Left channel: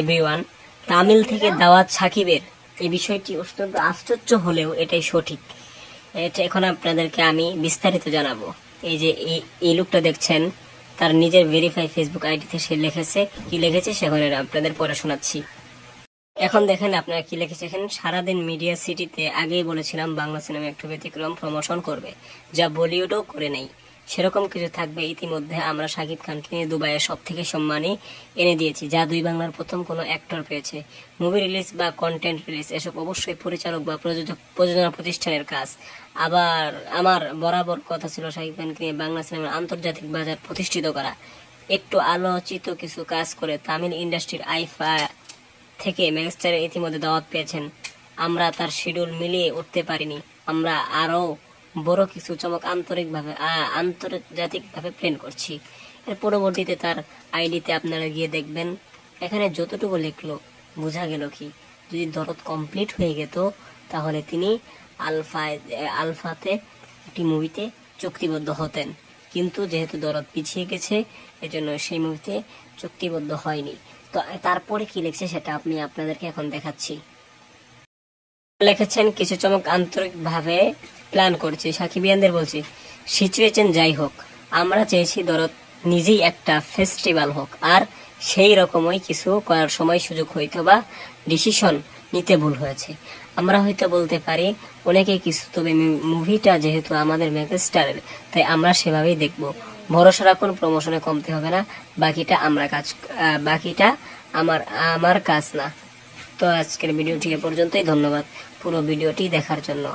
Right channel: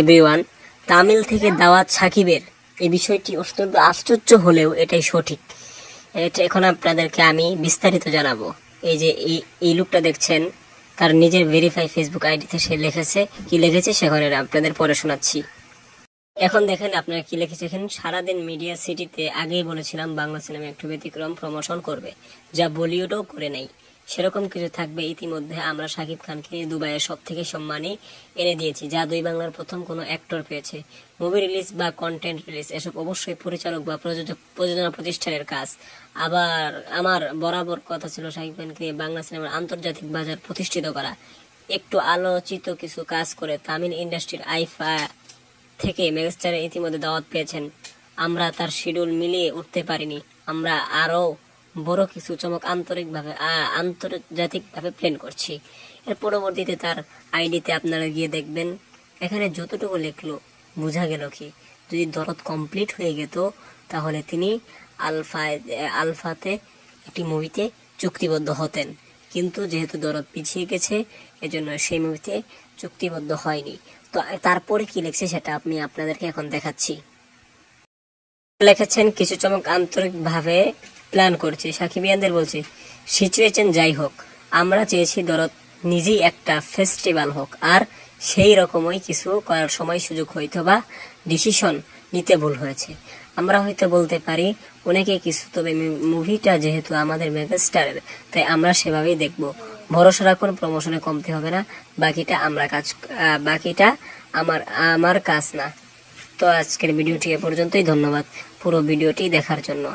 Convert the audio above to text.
Everyone, Tamil থেকে দাওয়াত সাকিবের এই বিষয়টি অত্যন্ত আশ্চর্য হলেও এটাই সঠিক। এটা এখন আপনাদেরকে আমি বিস্তারিত জানাবো। এই যে এই লোকটা দেখছেন, তার নিজের ভেরিফাই ফেসবুক আইডিতে সে লিখেছে, কি লিখেছে সেখানে আপনাদের পড়ে শোনাচ্ছি। এখন দেখেন আপনারা কি লিখেছে এখানে, সারাদিন মিডিয়া সিটিতে আগেই বলেছিলাম বাংলা সিনেমা একটু ব্যতিক্রম প্রমোশন করবে, যা বলিউডও করে নেই। সেরকম কিছু থাকবে। ইতিমধ্যে আমরা শাকিব খানকে নিয়ে দুবাইয়ের সব থেকে সম্মানী এনে দিয়েছি, যা দুই বাংলার প্রথম কোনো অ্যাক্টর পেয়েছে। মুভি রিলিজ বা কন্টেন্ট রিলিজ এসব অবশ্যই পরিচালক বা প্রযোজনা প্রতিষ্ঠানের কাজ। আবার আমার বরাবর কথা ছিল শাকিব খানকে নিয়ে বাংলা সিনেমার আন্তর্জাতিক বাজার প্রতিষ্ঠিত করা। একটু আলোচিত কিছু কাজ করে তামিল ইন্ডাস্ট্রির আইফা থেকে মেগাস্টারে ইতিমধ্যে দাওয়াত পেয়েছেন। আমরা তার শিডিউল মিলিয়ে উঠতে পারিনি। আমরা আরো বড় কিছু চমক আন্তর্জাতিকভাবে প্ল্যান করছি। এর পরবর্তীতে তার আইডিতে আপনারা গিয়ে দেখবেন, এখানে যতটুকু লিখলো বোঝা গেল কি, যদি দরদ কমপ্লিট হয়ে যেত তাহলে তিনি আলফাতে একটি মুভিতে চুক্তিবদ্ধ হতেন। কিন্তু যেহেতু দরদ পিছিয়ে গেছে, এজন্য সেই মুভিতে চুক্তিবদ্ধ হয়নি। তো তারপরে কি লিখছে সেটা আমি আপনাদেরকে এখন দেখাচ্ছি। লিখেছেন, কিছু চমক আন্তরিকভাবে প্ল্যান করছি। সাকিবিয়ানদের বলছি, সিচুয়েশন যাই হোক, আমরা চেয়েছি দরদ নিজেই একটা ফেস্টিভ্যাল হোক, আর সেই রকমই কিছু করার সময় সুযোগ হইতো বা ডিসিশন নিতে ভুল হয়েছে। আমরা হয়তো বলতে পারি অনেকে কিছু, তবে মুভিটা যেহেতু আমাদের মেগাস্টারের, তাই আমরা সেভাবেই দেখবো। ভরসা রাখুন, প্রমোশনে কমতে হবে না। বাকিটা আমার কাজ না। তো আজকের ভিডিওটি এ পর্যন্তই। ধন্যবাদ পুরো ভিডিওটি দেখার জন্য।